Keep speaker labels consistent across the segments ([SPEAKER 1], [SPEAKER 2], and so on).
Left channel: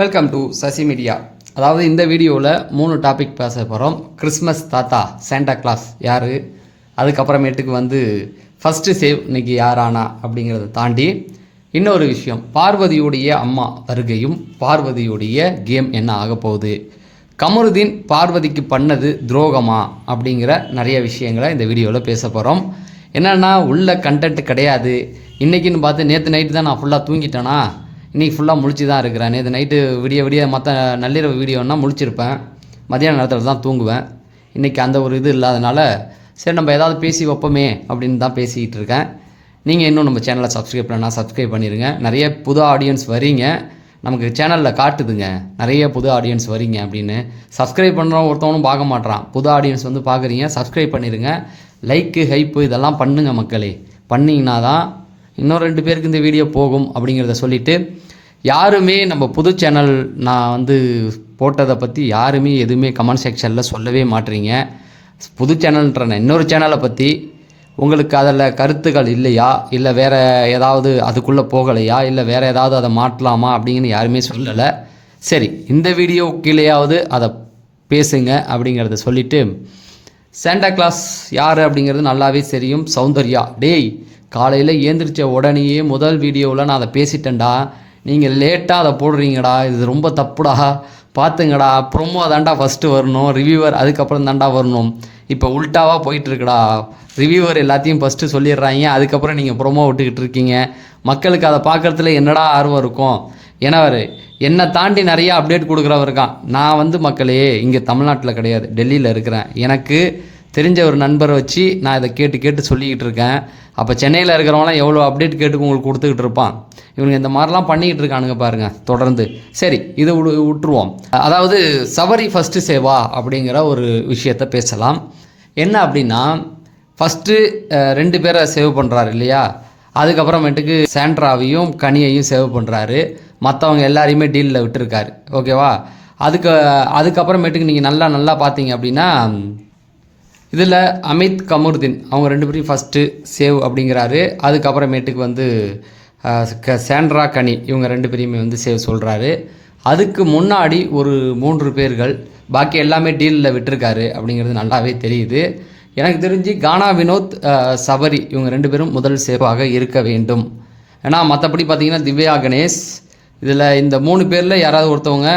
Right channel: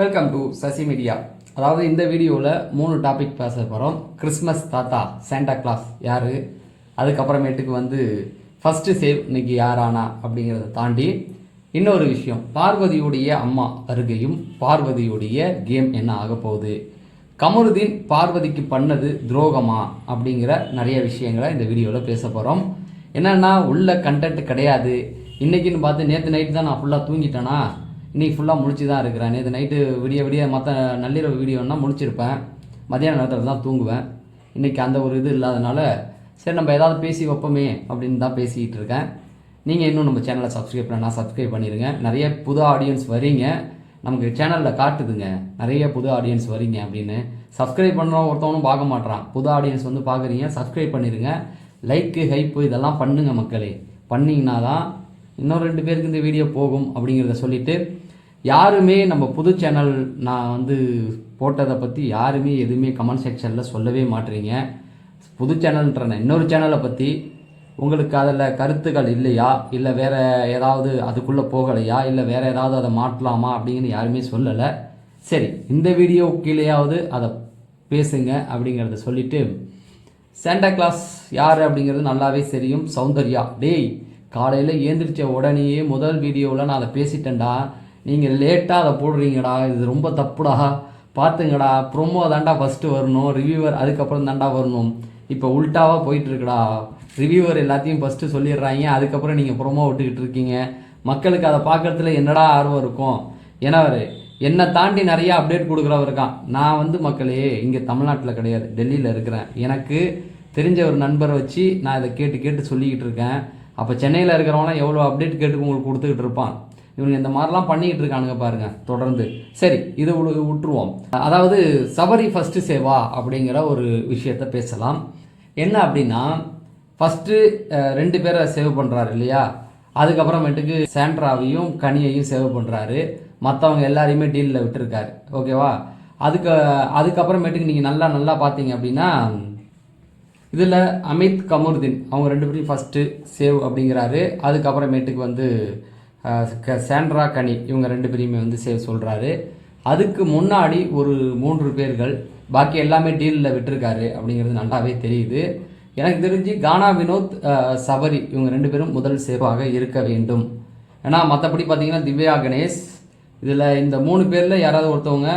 [SPEAKER 1] Welcome to Sasi media அதாவது இந்த வீடியோவில் மூணு டாபிக் பேச போகிறோம் கிறிஸ்மஸ் தாத்தா சாண்டா கிளாஸ் யார்? அதுக்கப்புறமேட்டுக்கு வந்து ஃபஸ்ட்டு சேவ் இன்னைக்கு யாரானா அப்படிங்கிறத தாண்டி இன்னொரு விஷயம். பார்வதியுடைய அம்மா வருகையும் பார்வதியுடைய கேம் என்ன ஆக போகுது? கமருதீன் பார்வதிக்கு பண்ணது துரோகமா அப்படிங்கிற நிறைய விஷயங்களை இந்த வீடியோவில் பேச போகிறோம் என்னென்னா உள்ள கண்டென்ட் கிடையாது. இன்றைக்கின்னு பார்த்து நேற்று நைட்டு தான் நான் ஃபுல்லாக தூங்கிட்டேனா? இன்றைக்கி ஃபுல்லாக முழிச்சு தான் இருக்கிறேன். நேற்று நைட்டு விடிய விடிய மற்ற நள்ளிரவு வீடியோன்னா முழிச்சிருப்பேன். மதியான நேரத்தில் தான் தூங்குவேன். இன்றைக்கி அந்த ஒரு இது இல்லாதனால சரி நம்ம ஏதாவது பேசி வைப்போமே அப்படின்னு தான் பேசிக்கிட்டு இருக்கேன். நீங்கள் இன்னும் நம்ம சேனலை சப்ஸ்கிரைப் பண்ணால் சப்ஸ்கிரைப் பண்ணிடுங்க நிறைய புது ஆடியன்ஸ் வரீங்க. நமக்கு சேனலில் காட்டுதுங்க. நிறைய புது ஆடியன்ஸ் வரீங்க அப்படின்னு. சப்ஸ்கிரைப் பண்ணுறவன் ஒருத்தவனும் பார்க்க மாட்டான் புது ஆடியன்ஸ் வந்து பார்க்குறீங்க சப்ஸ்கிரைப் பண்ணிடுங்க லைக்கு ஹைப்பு இதெல்லாம் பண்ணுங்கள் மக்களே. பண்ணிங்கன்னா தான் இன்னும் ரெண்டு பேருக்கு இந்த வீடியோ போகும் அப்படிங்கிறத சொல்லிவிட்டு யாருமே நம்ம புது சேனல் நான் வந்து போட்டதை பற்றி யாருமே எதுவுமே கமெண்ட் செக்ஷனில் சொல்லவே மாட்றீங்க. புது சேனல்ன்ற இன்னொரு சேனலை பற்றி உங்களுக்கு அதில் கருத்துக்கள் இல்லையா? இல்லை வேறு ஏதாவது அதுக்குள்ளே போகலையா? இல்லை வேறு ஏதாவது அதை மாற்றலாமா அப்படிங்கன்னு யாருமே சொல்லலை. சரி இந்த வீடியோ கீழேயாவது அதை பேசுங்க அப்படிங்கிறத சொல்லிவிட்டு சாண்டா கிளாஸ் யார் அப்படிங்கிறது நல்லாவே தெரியும். சௌந்தர்யா. டேய் காலையில் ஏந்திரிச்ச உடனேயே முதல் வீடியோவில் நான் அதை பேசிட்டேன்டா. நீங்கள் லேட்டாக அதை போடுறீங்கடா. இது ரொம்ப தப்புடா. பார்த்துங்கடா ப்ரொமோ தாண்டா ஃபஸ்ட்டு வரணும். ரிவ்யூவர் அதுக்கப்புறம் தாண்டா வரணும். இப்போ உல்ட்டாவாக போயிட்டுருக்குடா. ரிவ்யூவர் எல்லாத்தையும் ஃபஸ்ட்டு சொல்லிடுறாங்க. அதுக்கப்புறம் நீங்கள் ப்ரொமோ விட்டுக்கிட்டு இருக்கீங்க. மக்களுக்கு அதை பார்க்குறதுல என்னடா ஆர்வம் இருக்கும்? ஏன்னா அவர் என்னை தாண்டி நிறையா அப்டேட் கொடுக்குறவர் இருக்கான். நான் வந்து மக்களே இங்கே தமிழ்நாட்டில் கிடையாது. டெல்லியில் இருக்கிறேன். எனக்கு தெரிஞ்ச ஒரு நண்பரை வச்சு நான் இதை கேட்டு கேட்டு சொல்லிக்கிட்டு இருக்கேன். அப்போ சென்னையில் இருக்கிறவங்களாம் எவ்வளோ அப்டேட் கேட்டு உங்களுக்கு கொடுத்துக்கிட்டு இருப்பான். இவனுங்க இந்த மாதிரிலாம் பண்ணிக்கிட்டு இருக்கானுங்க பாருங்க தொடர்ந்து. சரி இதை விடு விட்டுருவோம் அதாவது சபரி ஃபஸ்ட்டு சேவா அப்படிங்கிற ஒரு விஷயத்த பேசலாம். என்ன அப்படின்னா ஃபஸ்ட்டு ரெண்டு பேரை சேவ் பண்ணுறாரு இல்லையா? அதுக்கப்புறமேட்டுக்கு சாண்ட்ராவையும் கனியையும் சேவ் பண்ணுறாரு மற்றவங்க எல்லாரையுமே டீலில் விட்டுருக்காரு. ஓகேவா? அதுக்கு அதுக்கப்புறமேட்டுக்கு நீங்கள் நல்லா நல்லா பார்த்தீங்க அப்படின்னா இதில் அமித் கமருதீன் அவங்க ரெண்டு பேரும் ஃபஸ்ட்டு சேவ் அப்படிங்கிறாரு. அதுக்கப்புறமேட்டுக்கு வந்து க- சாண்ட்ரா கனி இவங்க ரெண்டு பேரையுமே வந்து சேவ் சொல்கிறாரு அதுக்கு முன்னாடி ஒரு மூன்று பேர்கள் பாக்கி எல்லாமே டீலில் விட்டுருக்காரு அப்படிங்கிறது நல்லாவே தெரியுது. எனக்கு தெரிஞ்சு கானா வினோத் சபரி இவங்க ரெண்டு பேரும் முதல் சேவாக இருக்க வேண்டும். ஏன்னா மற்றபடி பார்த்தீங்கன்னா திவ்யா கணேஷ் இதில் இந்த மூணு பேரில் யாராவது ஒருத்தவங்க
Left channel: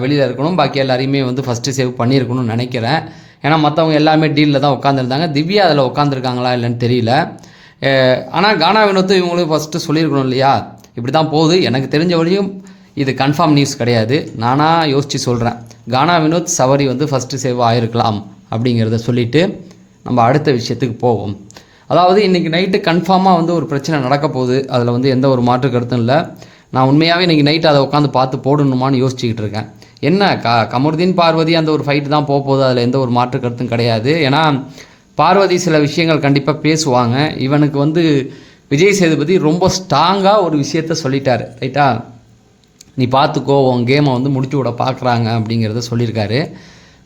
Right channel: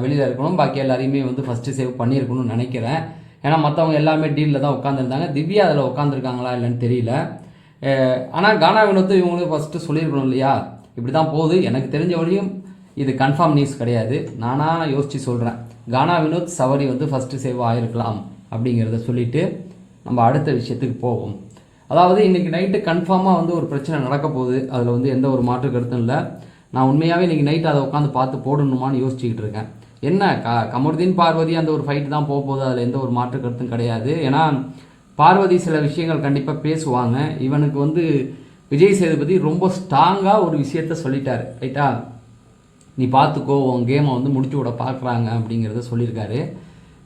[SPEAKER 1] வெளியில் இருக்கணும். பாக்கி எல்லாரையுமே வந்து ஃபஸ்ட்டு சேவ் பண்ணியிருக்கணும்னு நினைக்கிறேன். ஏன்னா மற்றவங்க எல்லாமே டீலில் தான் உட்காந்துருந்தாங்க திவ்யா அதில் உட்காந்துருக்காங்களா இல்லைன்னு தெரியல. ஆனால் கானா வினோத்து இவங்களும் ஃபஸ்ட்டு சொல்லியிருக்கணும் இல்லையா? இப்படி தான் போகுது. எனக்கு தெரிஞ்ச வழியும் இது கன்ஃபார்ம் நியூஸ் கிடையாது. நானாக யோசித்து சொல்கிறேன் கானா வினோத் சவரி வந்து ஃபஸ்ட்டு சேவ் ஆகிருக்கலாம் அப்படிங்கிறத சொல்லிவிட்டு நம்ம அடுத்த விஷயத்துக்கு போவோம். அதாவது இன்றைக்கி நைட்டு கன்ஃபார்மாக வந்து ஒரு பிரச்சனை நடக்க போகுது. அதில் வந்து எந்த ஒரு மாற்று கருத்தும் இல்லை. நான் உண்மையாகவே இன்றைக்கி நைட்டு அதை உட்காந்து பார்த்து போடணுமான்னு யோசிச்சுக்கிட்டு இருக்கேன். என்ன க கமருதீன் பார்வதி அந்த ஒரு ஃபைட்டு தான் போக போகுது அதில் எந்த ஒரு மாற்று கருத்தும் கிடையாது. ஏன்னா பார்வதி சில விஷயங்கள் கண்டிப்பாக பேசுவாங்க. இவனுக்கு வந்து விஜய் சேதுபதி ரொம்ப ஸ்ட்ராங்காக ஒரு விஷயத்த சொல்லிட்டாரு ரைட்டா நீ பார்த்துக்கோ உன் கேமை வந்து முடிச்சு விட பார்க்குறாங்க அப்படிங்கிறத சொல்லியிருக்காரு.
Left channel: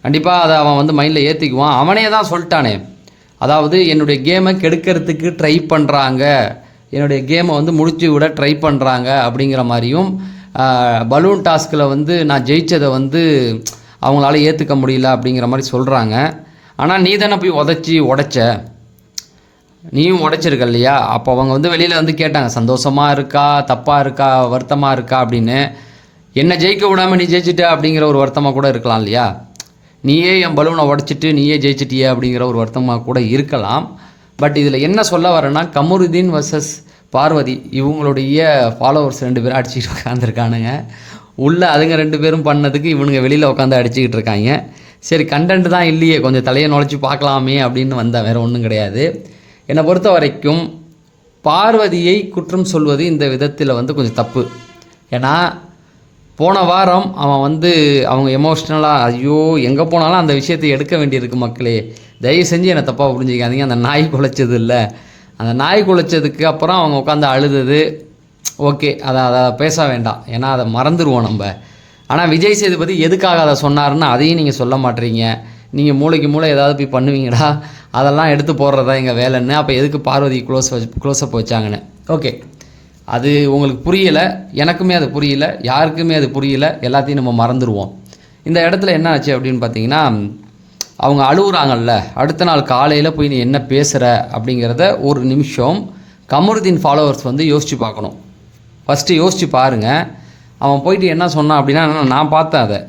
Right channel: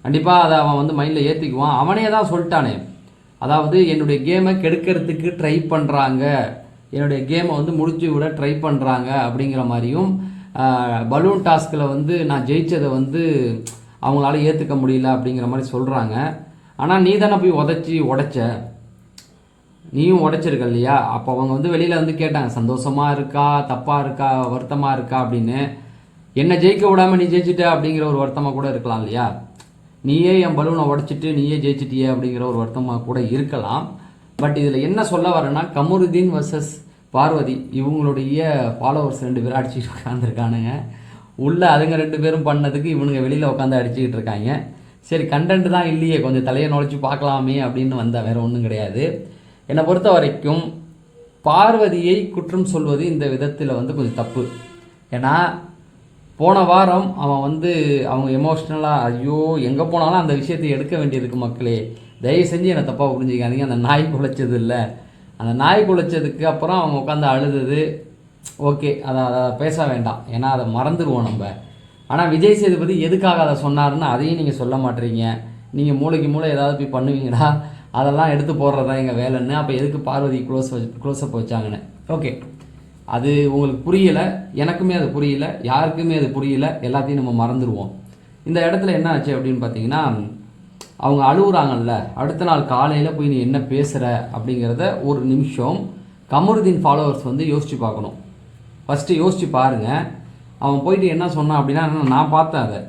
[SPEAKER 1] கண்டிப்பாக அதை அவன் வந்து மைண்டில் ஏற்றிக்குவான் அவனே தான் சொல்லிட்டானே. அதாவது என்னுடைய கேமை கெடுக்கிறதுக்கு ட்ரை பண்ணுறாங்க என்னுடைய கேமை வந்து முடிச்சு விட ட்ரை பண்ணுறாங்க அப்படிங்கிற மாதிரியும் பலூன் டாஸ்கில் வந்து நான் ஜெயித்ததை வந்து அவங்களால ஏற்றுக்க முடியல அப்படிங்கிற மாதிரி சொல்கிறாங்க ஆனால் நீ தானே போய் உதச்சி உடைச்ச. நீயும் உடைச்சிருக்க இல்லையா? அப்போ அவங்க வந்து வெளியில் வந்து கேட்டாங்க சந்தோஷமாக இருக்கா? தப்பாக இருக்கா? வருத்தமாக இருக்கா? அப்படின்னு. என்னை ஜெயிக்க விடாமல் நீ ஜெயிச்சிட்ட? அப்படிங்கிற ஒரு வருத்தமாக கூட இருக்கலாம் இல்லையா? நீயே என் பலூனை உடச்சிட்டு நீயே ஜெயிச்சிட்டியே அப்படிங்கிற ஒரு வருத்தமாக கூட இருக்கலாம். பட் இதில் என்ன சொல்ல வரேன்னா கமருதீன் வர்சஸ் பார்வதி இவங்களுடைய ஃபாலோவர்ஸ் ரெண்டு பேரும் அடிச்சுக்கிட்டு உட்காந்துருக்கானுங்க உள்ளே அதுங்க ரெண்டு பேரும் பண்ணதுக்கு இவனுங்க வெளியில் உட்காந்து அடிச்சுக்கிட்டு இருக்காங்க. சரி கண்டென்ட் தான் இல்லையே கொஞ்சம் தலையை நுழைச்சி பார்க்கலாமே அப்படின்னு வந்தேன் வேறு ஒன்றும் கிடையாது. என்னை பொறுத்த வரைக்கும் பார்வதியை குற்றம் சொல்வது இந்த விதத்தில் வந்து கொஞ்சம் தப்பு. ஏன்னா போன வாரம் அவன் வந்து அவங்க எமோஷ்னலாக ஐயோ எங்கே போனாலும் அந்த விஷயத்தை எடுக்க வேண்டியிருக்கு மக்களே. தயவு செஞ்சு என்னை தப்பாக புரிஞ்சுக்காதீங்க அந்த நாய் குலைச்சது இல்லை. அந்த நாய் குலைச்சதுக்கு அப்புறம் அவங்க உட்காந்து அழுதது. ஓகே அதை அதை பேச வேண்டாம். ஏன்னா அதை மறந்துடுவோம் நம்ம. ஆனால் விஜய் சேதுபதி எதுக்காக அதை சொன்னார்னு அதையும் நீங்கள் சொல்ல மாட்டீங்க. நீங்கள் மூளைக்கு மூளை ஏதாவது போய் பண்ணுவீங்கடா. அதெல்லாம் எடுத்து போடுறது தான் எங்கள் வேலைன்னு. அப்போ எதுக்கு பார்வதி க்ளோஸ் வச்சு க்ளோஸ்அப் வச்சாங்கன்னு. ஓகே. அது உங்களுக்கு புரியலை. எனக்குமே அது புரியல. யாருக்குமே அது புரியல. எல்லாத்தையும் நம்ம மறந்துடுவோம் இந்த இடத்துல என்ன ஆச்சு அப்படின்னு பார்த்தீங்கன்னா அவங்க அழுகுறாங்கல்ல அடுத்த நாள் காலையில் போய் நீ என்ன பேசுகிற அப்படிங்கிறத ஒரு நிமிஷம் கமருதீன் ஃபாலோவர்ஸ் வந்து யோசித்து பார்க்கணும். ஃபஸ்ட்டு யோசித்து பாருங்கள் அவன் போயிட்டு என்ன சொன்னான் அப்படின்னா நான் பார்த்தேன் அதை.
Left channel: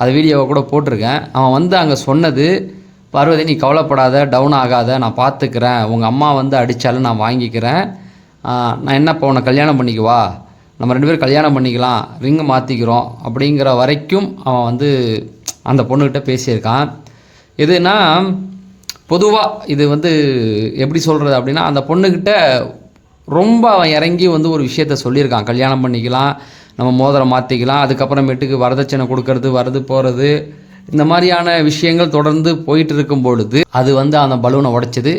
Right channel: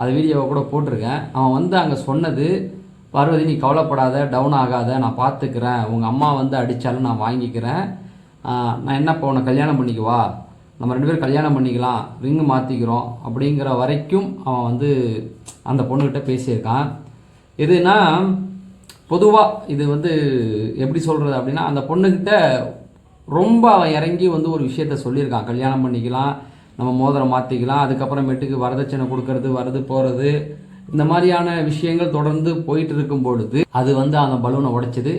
[SPEAKER 1] அது வீடியோவை கூட போட்டிருக்கேன். அவன் வந்து அங்கே சொன்னது பார்வதி நீ கவலைப்படாத டவுன் ஆகாத நான் பார்த்துக்கிறேன். உங்கள் அம்மா வந்து அடித்தாலும் நான் வாங்கிக்கிறேன். நான் என்ன இப்போ உன்னை கல்யாணம் பண்ணிக்குவா நம்ம ரெண்டு பேரும் கல்யாணம் பண்ணிக்கலாம். ரிங்கு மாற்றிக்கிறோம் அப்படிங்கிற வரைக்கும் அவன் வந்து அந்த பொண்ணுக்கிட்ட பேசியிருக்கான். எதுனா பொதுவாக இது வந்து எப்படி சொல்கிறது அப்படின்னா அந்த பொண்ணுக்கிட்ட ரொம்ப அவன் இறங்கி வந்து ஒரு விஷயத்த சொல்லியிருக்கான். கல்யாணம் பண்ணிக்கலாம் நம்ம மோதிரம் மாற்றிக்கலாம் அதுக்கப்புறமேட்டுக்கு வரதட்சணை கொடுக்கறது வரது போகிறது இந்த மாதிரியான விஷயங்கள் தொடர்ந்து போயிட்டு இருக்கும் பொழுது அது வந்து அந்த பலூனை உடைச்சது.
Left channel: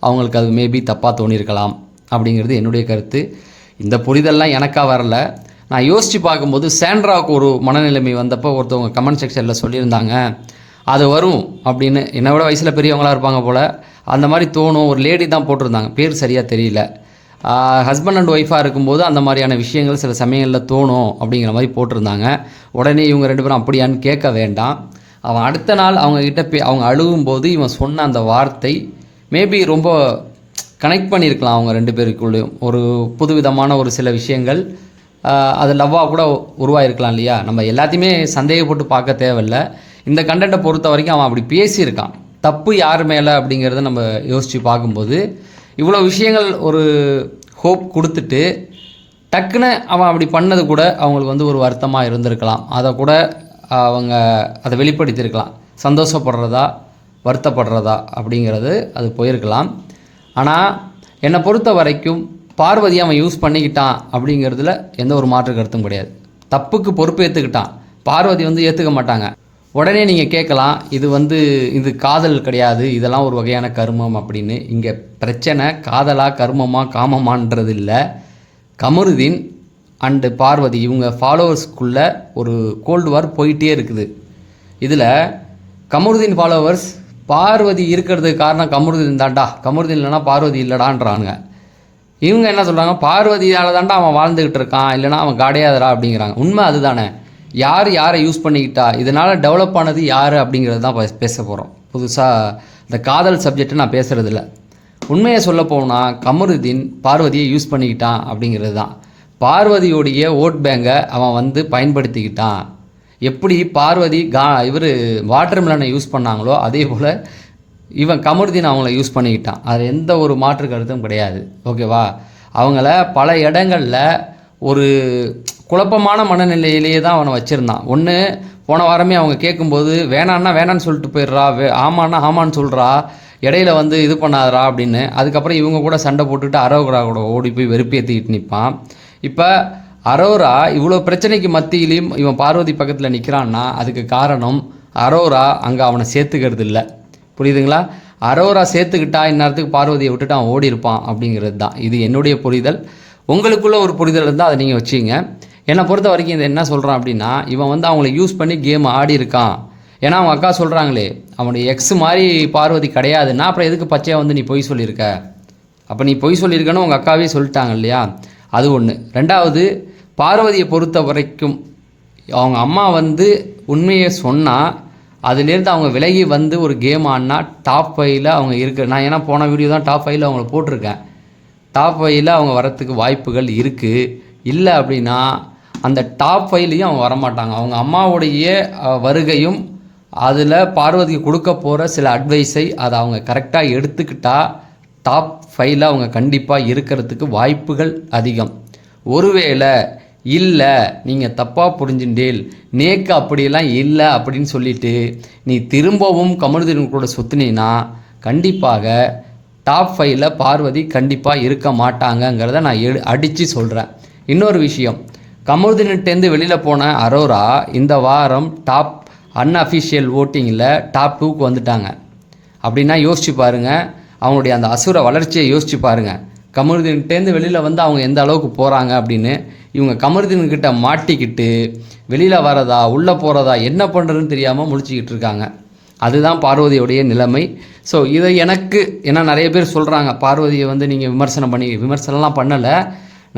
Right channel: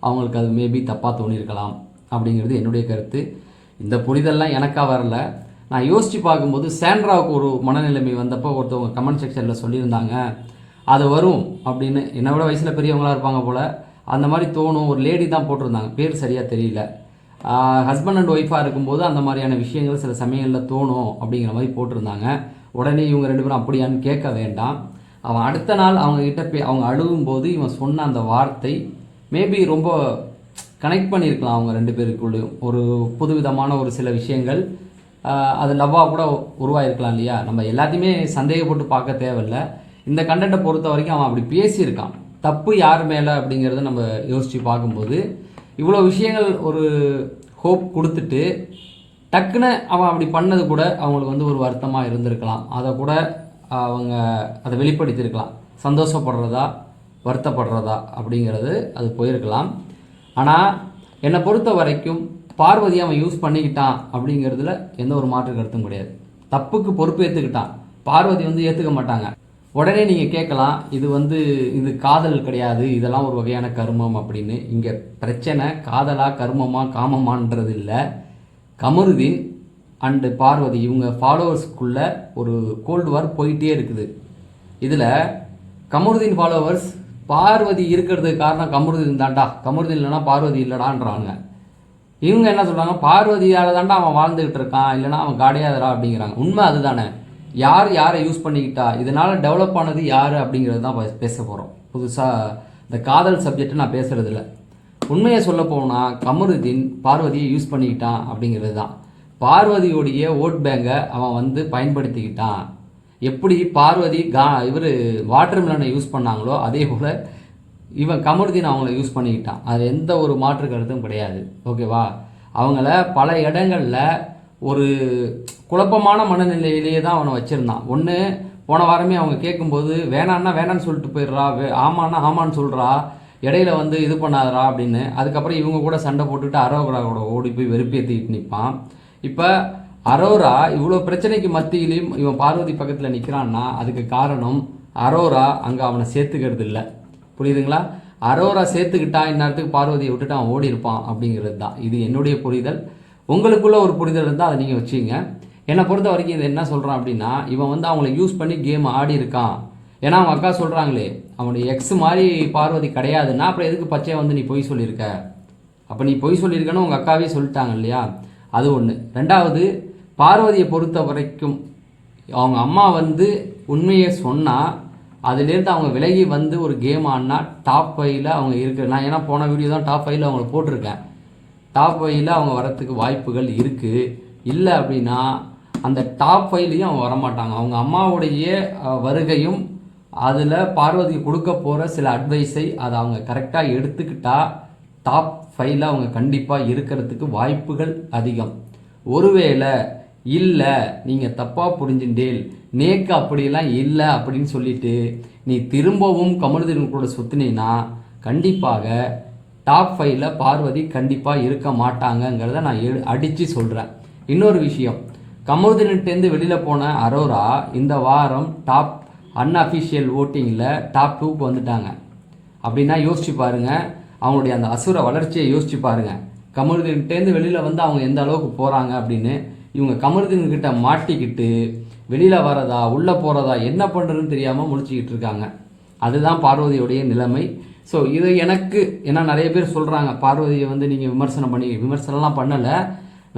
[SPEAKER 1] அவங்களுக்கு அது மேபி தப்பாக தோணியிருக்கலாம் அப்படிங்கிறது என்னுடைய கருத்து. இந்த புரிதல்லாம் எனக்காக வரல. நான் யோசித்து பார்க்கும்போது சாண்ட்ராவுக்கு ஒரு மனநிலைமை வந்தப்போ ஒருத்தவங்க கமெண்ட் செக்ஷனில் சொல்லியிருந்தாங்க. அது வரும் அப்படின்னு என்னை விட வயசில் பெரியவங்களா இருப்பாங்க போல் அந்த மாதிரி தோணும். ஒரு லேடி தான் போட்டிருந்தாங்க. பேர் சரியாக தெரியல. ஹஸ்பண்ட் அண்ட் ஒய்ஃபாக இருக்கும்போது அந்த மாதிரியான விஷயங்கள் சில சமயங்களில் தோணும் அப்படிங்கிற மாதிரி போட்டிருந்தாங்க. உடனே இவங்க ரெண்டு பேரும் அப்படியான்னு கேட்க வேண்டாம். அவன் அடுத்த நாள் அவங்கக்கிட்ட பே அவங்க அழுகும்போது இவன் சொன்ன அந்த வார்த்தை மேபி ரொம்ப கனெக்ட் பண்ணியிருக்கலாம் அவங்க ரெண்டு பேருக்குள்ளேயும். ஒரு புதுவிதமான ஒரு சில விஷயங்கள் அது லவ்வாக கூட உருவாயிருக்கலாம் இல்லையா? நம்ம எல்லாத்தையுமே சந்தேகப்பட்டு பார்க்க தேவையில்ல. இந்த கண்டென்ட்டை பொறுத்த வரைக்கும் அவன் அப்படி பேசியிருக்கான். தப்பு யார் மேலே அப்படிங்கிறத நம்ம யோசித்து பார்க்கும்போது இவ்வளோ விஷயங்கள் ஒரு ஹோப் கொடுத்துட்டு டக்குன்னு அவன் அப்படி பண்ணது கூட அவங்களுக்கு வந்து ஒரு வருத்தமாக இருந்திருக்கலாம். அதை கூட அவங்க அதை வெளிப்படுத்தியிருக்கலாம். சந்தோஷப்படுறதா வருத்தப்படுறதா அப்படிங்கிறது அது போயிருக்கலாம். ஆனால் என்னை பொறுத்த வரைக்கும் பார்வதி அவன் யூஸ் பண்ணிக்கிட்டான் அப்படிங்கிறதுல எந்த ஒரு மாற்று கருத்தும் கிடையாது. தப்புக்கு பொறுப்பு ஏற்றுக்கிட்டான் பார்வதி வந்து ஏற்றுக்க மாட்டாங்க. உடனே நீங்கள் கேட்கலாம் இது வந்து இது காதல் கிடையாது இதெல்லாம் ஒரு வகையான கர்மம் அப்படின்னு. இங்கே பிரச்சனை காதலாக கருமமாக காமமான்றது இல்லை கமருதீன் அண்டு பார்வதி இவங்க ஃபாலோவர்ஸ்க்குள்ளே ஒரு கோல்டு வார் போயிட்டே இருக்குது. இதில் கமருதீன் ஃபாலோவர்ஸ் பார்வதி இருக்கிறதுக்கு காரணம் கமருதீன் தாண்டா கமருதீன் இல்லைனா பார்வதி இல்லைடான்றானுங்க. இவங்க என்ன சொல்கிறாங்க பார்வதியால் தான்டா அவன் வாழ்ந்துக்கிட்டு இருக்கான் இல்லைனா அவன் காடையாதரா அப்படிங்கிறாங்க. உண்மை அதுதானே. யார் யாரை யூஸ் பண்ணிக்கிட்டா இதனால் டெவலப் ஆனது யார் அப்படிங்கிறது தான் பே- பேச போகிறோம் புதுசாக இந்த காதல் சப்ஜெக்ட்டை நான் பேசுகிறதில்ல உண்மையை சொல்ல போனால் கமருதீன் பார்வதியை யூஸ் பண்ணிக்கிட்டான் அப்படிங்கிறது தான். பார்வதியோடைய ஓட் பேங்கை அவன் வந்து பயன்படுத்திக்கிட்டான். எப்படி பார்வதி கா இவர் வாட்டர் மிலனை யூஸ் பண்ணாங்களோ அதே போல் இவன் கமருதீன் அவங்கள யூஸ் பண்ணிக்கிட்டான். அது எந்த ஒரு மாற்று கருத்தும் கிடையாது. ஓகேவா அவங்கள பல இடங்களில் ஒரு குழப்பமான மனநிலையிலேயே தான் அவனை வச்சுருந்தான். ஒன்று போன வாரமே அவங்க கேட்கும்போது வேணான்னா வேணான்னு சொல்லிட்டு போயிடுறா வே ஆமான்னா ஆமான்னு சொல்கிறா இடையில வந்து இது பண்ணாதரா அப்படின்னு. அதுக்கப்புறம் இவங்க கூட சண்டை போட்டுட்டு அரோகரா கூட ஓடி போய் வெறுப்பேற்றிக்கிட்டு நிற்பான் இப்போ அரோரா இவ்வளோ பிரச்சனைக்கு மத்தியிலையும் இவன் பார்வதி பக்கத்தில் நிற்கிறான்னா அதுக்கு காரணம் அரோரா அங்கே அவனை சேர்த்துக்கிறது இல்லை. புரியுதுங்களா? அரோரா சேர்த்துக்கிட்டா இந்நேரத்துக்கு பார்வதியை விட்டுட்டு அவன் ஓடி இருப்பான் அப்படிங்கிறது தான். இது என்னுடைய புரிதல். உங்களுக்குள்ளே ஒரு புரிதல் இருந்தால் அதை நீங்கள் வச்சுங்க. என்னை பொறுத்த வரைக்கும் இதை என்ன சொல்கிறான் அப்படின்னா இவன் வந்து அவங்கள யூஸ் பண்ணி கேம் ஆடி இருக்கான். ஏன்னா அவன் அக்கா சொல்கிறாங்களே அவனுடைய எக்ஸ் மாதிரி பார்வதி கிடையாதுன்னா அப்புறம் எதுக்கு பச்சையாக வந்து நீ பொய் சொல்லியிருக்க? அப்போ நீ பொய் சொல்லியிருக்கன்னு உங்கள் அக்காவே சொல்லிட்டாங்க இல்லையா? அது ஒன்று ரெண்டாவது பார்வதியை பொறுத்த வரைக்கும் அவங்க அம்மா வந்து உண்மையை சொன்னால் அதுலேருந்து அவங்க விலகி வந்து ஒரு கேம் ஆடினா டாப் ஃபைவ்ல அவங்க இருக்க நான் ஏன்னா போன வீடியோ தான் டாப் ஃபைவ்ல அவங்கள போட்டிருக்கேன். டாப் ஃபைவ்ல அவங்க வரத்துக்கு வாய்ப்புகள் இருக்குது இல்லை அப்படின்னா அந்த டாப் ஃபைவ்லையும் அவங்க வரமாட்டாங்க. அவங்க அம்மாவுடைய வருகையும் அதில் பார்வதிக்கு கொடுக்க போகிற சில அட்வைஸை அதை அவங்க கரெக்டாக எடுத்துக்கிட்டால் டாப் ஃபைவ்ல அவங்க கண்டிப்பாக இருக்கிறதுக்கு வாய்ப்புகள் அதிகம். ஒருவேளை இல்லை நீங்கள் தப்பாக புரிஞ்சுட்டேல் நேக்கு அப்படியெல்லாம் இல்லை அப்படின்னு சொல்லிட்டு நீ திரும்பவும் கமலுதீன் கூட சுற்றினீன்னா கண்டிப்பாக டாப் ஃபைவ்ல பார்வதி கண்டிப்பாக இருக்க மாட்டாங்கங்கிறத நான் எடு அடித்து சொல்கிறேன் இன்னொரு விஷயம் கமருதீன்கிட்டேருந்து வெளியில் போன அரோரா இந்த வாரம் டாப் அன்அஃபிஷியல் ஓட்டிங்கில் டாப் டூக்கு வந்துட்டாங்க. அப்படின்னா யோசிச்சு பாருங்க அவங்களுடைய அந்த அசுர வளர்ச்சியை யோசிச்சு பாருங்க. கமருதீன்கிட்டேருந்து வெளியில் வந்து அவங்க எந்த அளவுக்கு போகிறாங்க அப்படின்னு இவங்க கமருதீன்கிட்ட மாட்டிக்கிட்டு வெளியில் வரதா உள்ளே போகிறதா என்ன பண்ணுறதுன்னு தெரியாமல் முழிச்சிக்கிட்டு இருக்காங்க. அதுதான் பார்வதியுடைய நிலைமை. ஸோ இதை எனக்கு ஏன்னா நிறைய பேர் சொல்கிறாங்க பார்வதியை வந்து நீங்கள் விமர்சனம் பண்ணி விமர்சனம்லாம் பண்ணலை.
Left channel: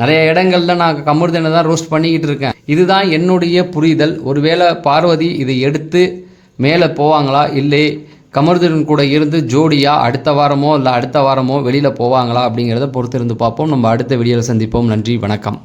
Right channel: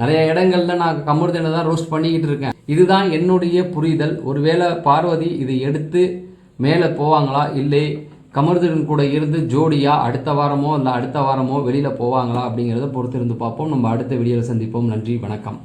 [SPEAKER 1] நிறைய இடங்கள்ல நான் கமருதனை தான் ரோஸ்ட் பண்ணிக்கிட்டு இருக்கேன். இதுதான் என்னுடைய புரிதல். ஒருவேளை பார்வதி இதை எடுத்து மேலே போவாங்களா? இல்லை கமருதன் கூட இருந்து ஜோடியாக அடுத்த வாரமோ இல்லை அடுத்த வாரமோ வெளியில் போவாங்களா அப்படிங்கிறத பொறுத்திருந்து பார்ப்போம். நம்ம அடுத்த வீடியோவில் சந்திப்போம். நன்றி வணக்கம்.